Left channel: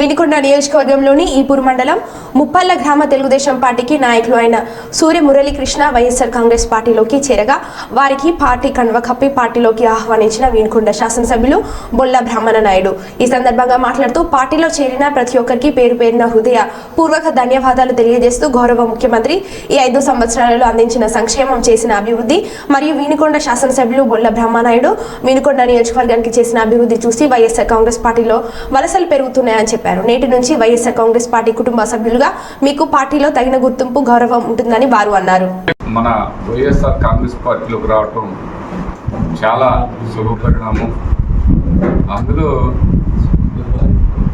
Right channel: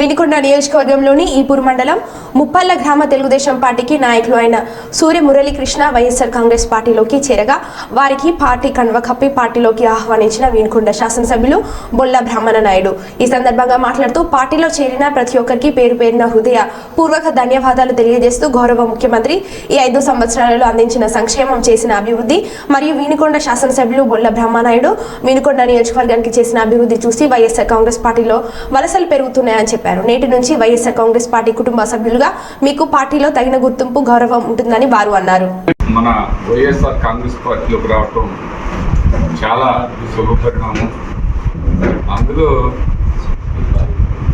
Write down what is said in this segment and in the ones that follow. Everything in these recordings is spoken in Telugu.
వినికొండ నియోజకవర్గంలోని ఈపూర్ మండలం ముప్పల్ల గ్రామ తెలుగుదేశం పార్టీకి నాయకులు అయిన సూర్య మురళీకృష్ణ వైఎస్ఆర్ కాంగ్రెస్ పార్టీలోకి చేరగా వారికి పార్టీ కండువ కప్పి పార్టీలోకి ఆహ్వానించిన వినుకొండ శాసనసభ్యులు బొల్ల బ్రహ్మణ నాయుడు ఈ సందర్భంగా మాట్లాడుతూ పార్టీలో చేరిన ప్రతి ఒక్కరికి పేరు పేరున హృదయ పూర్వక ధన్యవాదాలు తెలియజేస్తూ గౌరవ ముఖ్యమంత్రి ఈ ఐదు సంవత్సరాలలో అందించిన సంక్షేమం చేసిన అభివృద్ధి మరియు వినుకొండ శాసనసభ్యులు బొల్ల బ్రహ్మనాయుడు వినుకొండ నియోజకవర్గానికి చేసిన అభివృద్ధి చూసి వైఎస్ఆర్ కాంగ్రెస్ పార్టీలో వలసలు పెరుగుతున్నాయని చెప్పారు. నేటి నుంచి వైఎస్ఆర్ కాంగ్రెస్ పార్టీ కుటుంబ సభ్యులుగా మీకు పార్టీలో తగిన గుర్తింపు గౌరవం ఉంటుందని వారు అన్నారు. మన వైఎస్ఆర్ కాంగ్రెస్ పార్టీలోకి రావటం చాలా శుభపరిణామం అందులో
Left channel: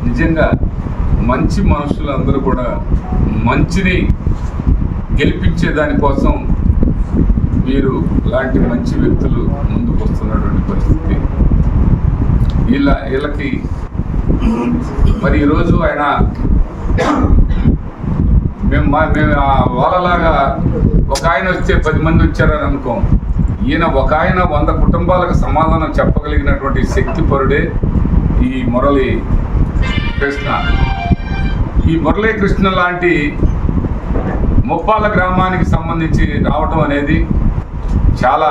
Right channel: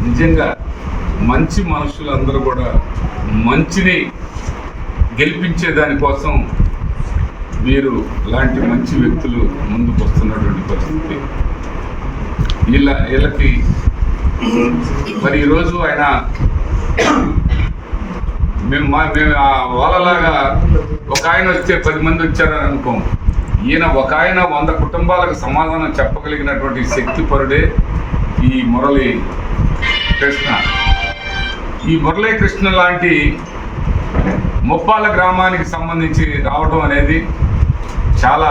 నిజంగా మంచి మనుషులందరూ కూడా మంచిని గెలిపించే దానికోసం వీరు లాంటి మంచి వ్యక్తులు ముందుకు వస్తున్నటువంటి పరిస్థితి. వీళ్ళ వీళ్ళకి మరి ఈరోజు ఆయన మేము మా- మేము ఆ వాళ్ళలాగా ఒక ఆయన వస్తే పది మంది వచ్చారని అనుకోం ఈయన ఒక ఆయన వంద కుటుంబాలకు సమాధానం చెప్పగలిగినటువంటి శక్తి పరుడే ఈ మురళి కృష్ణ. ఈ మురళీ కృష్ణ లాంటి ముప్పాల గ్రామానికి సంబంధించి రావటం అనేది చాలా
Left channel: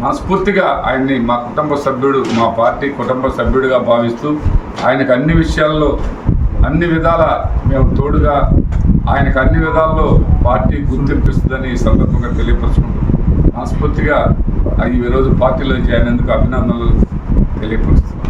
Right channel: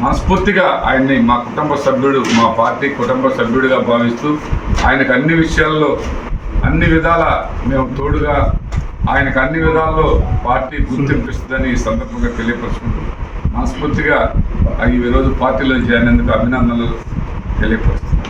మనస్ఫూర్తిగా ఆయన్ని మా కుటుంబ సభ్యుడు మా పార్టీ కుటుంబ సభ్యుడిగా భావిస్తూ ఆయనకు అన్ని విషయాల్లో అన్ని విధాల మేము తోడుగా ఆయనకు అన్ని విధాల్లో పార్టీ గుర్తింపిస్తుందని ఈ సందర్భంగా తెలియపరుచుకుంటూ మనస్ఫూర్తిగా ఈరోజు రోజు పార్టీలో చేరినందుకు అభినందనలు తెలియపరుస్తున్నాను.